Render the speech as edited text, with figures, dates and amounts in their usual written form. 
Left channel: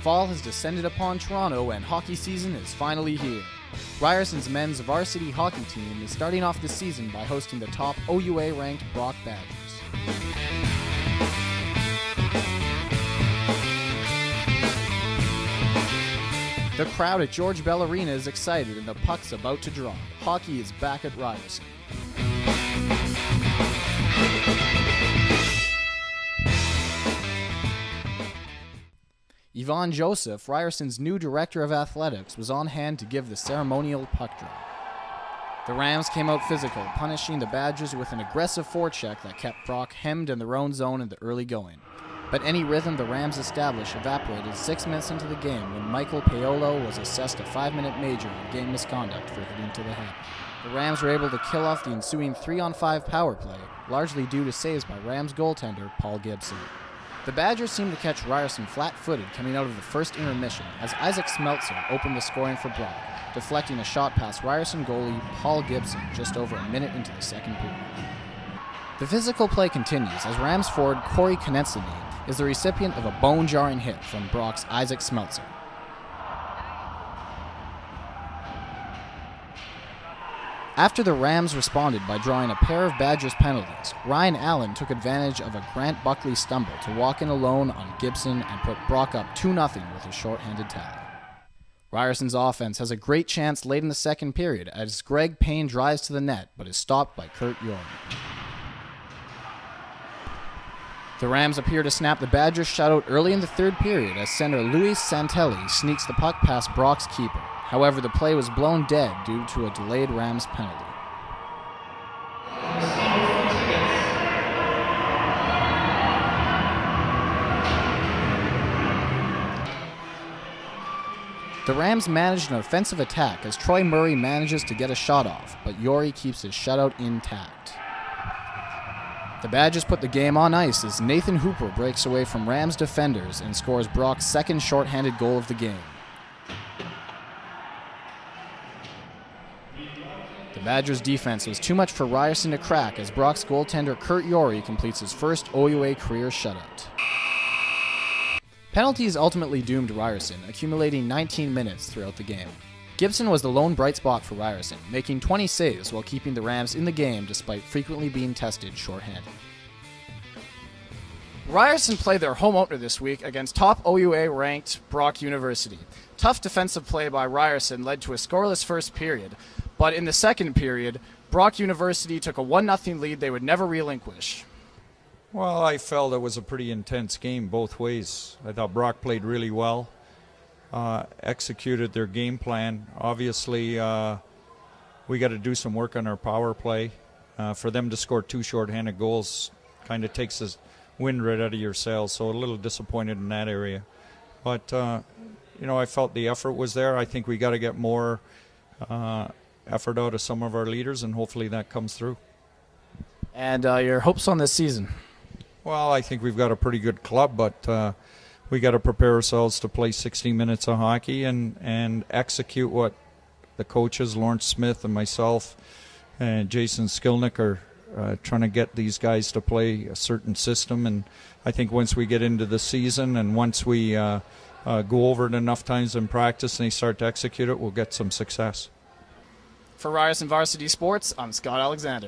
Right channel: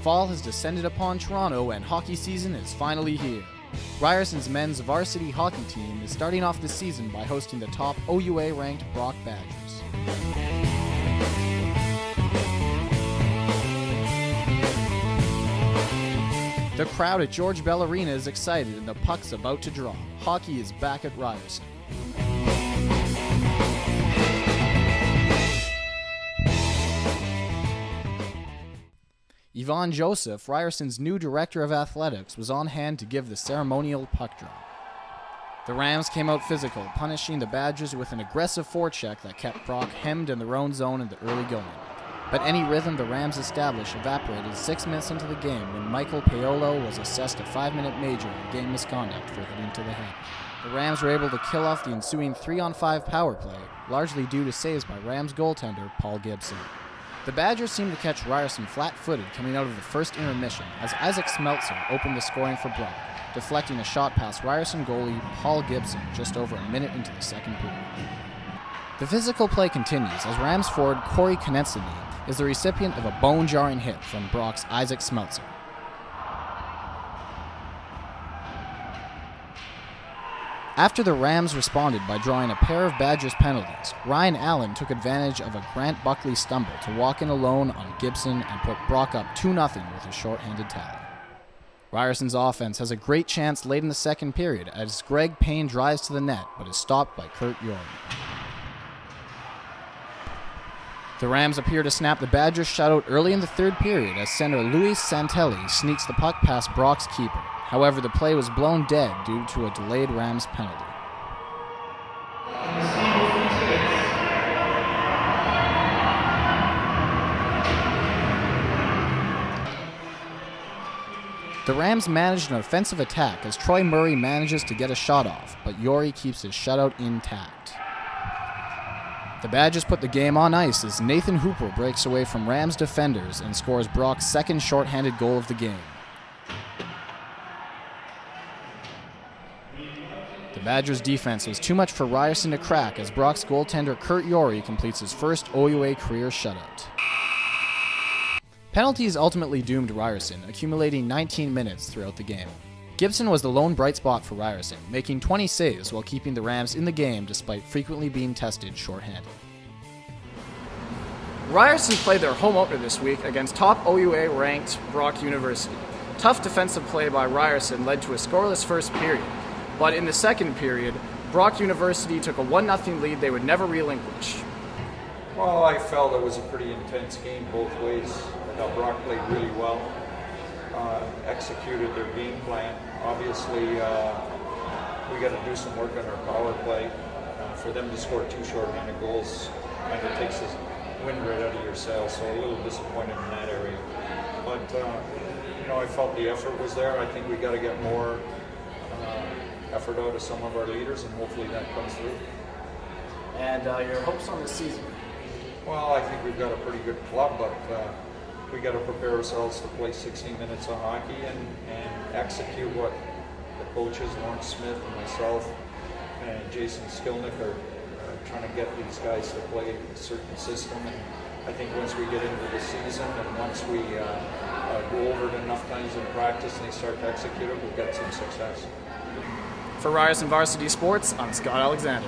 Fall has descended upon Toronto and hockey season is finally here. Ryerson's men's varsity hockey team is starting off the season by hosting the top OUA-ranked Brock Badgers. The crowd at George Bell Arena is excited and the puck's about to drop. Hockey is back at Ryerson. Yvonne Joseph, Ryerson's new director of athletics, was on hand to give the ceremonial puck drop. The Rams came out physical, punishing the Badgers with an aggressive fore-check that kept Brock hemmed in their own zone in the early going. But any rhythm the Rams established evaporated 6 minutes into the game when Michael Paolo was assessed a 5-minute major in game misconduct for hitting to the head. The Rams were able to kill off the ensuing 3-on-5 power play, largely due to saves by Rams goaltender Paul Gibson. The Badgers seemed to catch Ryerson flat-footed coming out of the first intermission as Isaac Smeltzer opened the scoring for Brock, deflecting a shot past Ryerson goalie Paul Gibson just over a minute into the second period. The physical play continues as Rams forward Corey Konechny is the recipient of a bone-jarring hit from Brock's Isaac Smeltzer. After the Rams responded by drawing a pair of Badgers penalties, Ryan Allen took advantage of a Grant Buckley stumble to walk in alone on Gibson and put Brock up 2-0 with a shorthanded tally. Ryerson's offense has a great chance late in the second period as Greg Payne drives to the net but is stopped by Kurt York. The Rams appear to snap the Badgers shutout early in the third period as center Luis Santelli sneaks the puck past Brock's keeper. However, the play was blown dead due to a delayed Rams penalty. The Rams managed an offensive attack as Troy Murray manages to get a shot off, but Yori keeps his shutout intact. The Badgers put the game on ice as Nathan Hooper breaks away from Rams defenders and scores Brock's second shorthanded goal of the game. The Badgers' defense was too much for Ryerson to crack as Brock's goaltender Kurt Yori completes his first OUA career shutout. Penalties ultimately doomed Ryerson, accumulating 19 minutes throughout the game. Gibson was the lone bright spot for Ryerson, making 20 saves while keeping the Rams in the game despite frequently being tested shorthanded. Ryerson played their home opener this week against top OUA-ranked Brock University. Tough defensive play by Ryerson led to a scoreless first period, but in the second period, Brock University took a 1-0 lead they would never relinquish. Well, I felt it was a pretty intense game both ways. I thought Brock played really well, executed their game plan. Obviously, we got to do some work on our power play. For them to score 2 shorthanded goals kind of takes the wind right out of your sails, so a little disappointed in that area. But, I felt the effort was there. I think we got to get more effort out of some of our leaders, and hopefully that comes through. And your hopes on this season? Well, I think we've got a pretty good club, but we got to prepare ourselves to play 60 minutes of hockey and execute what the coaches, Lawrence Smith and myself and Jason Skilnick, are trying to get these guys to play a certain system. And I think once we get into the season and once we go over it enough times in practice and they start to execute it, we'll get some success. For Ryerson Varsity Sports, I'm Scott Alexander.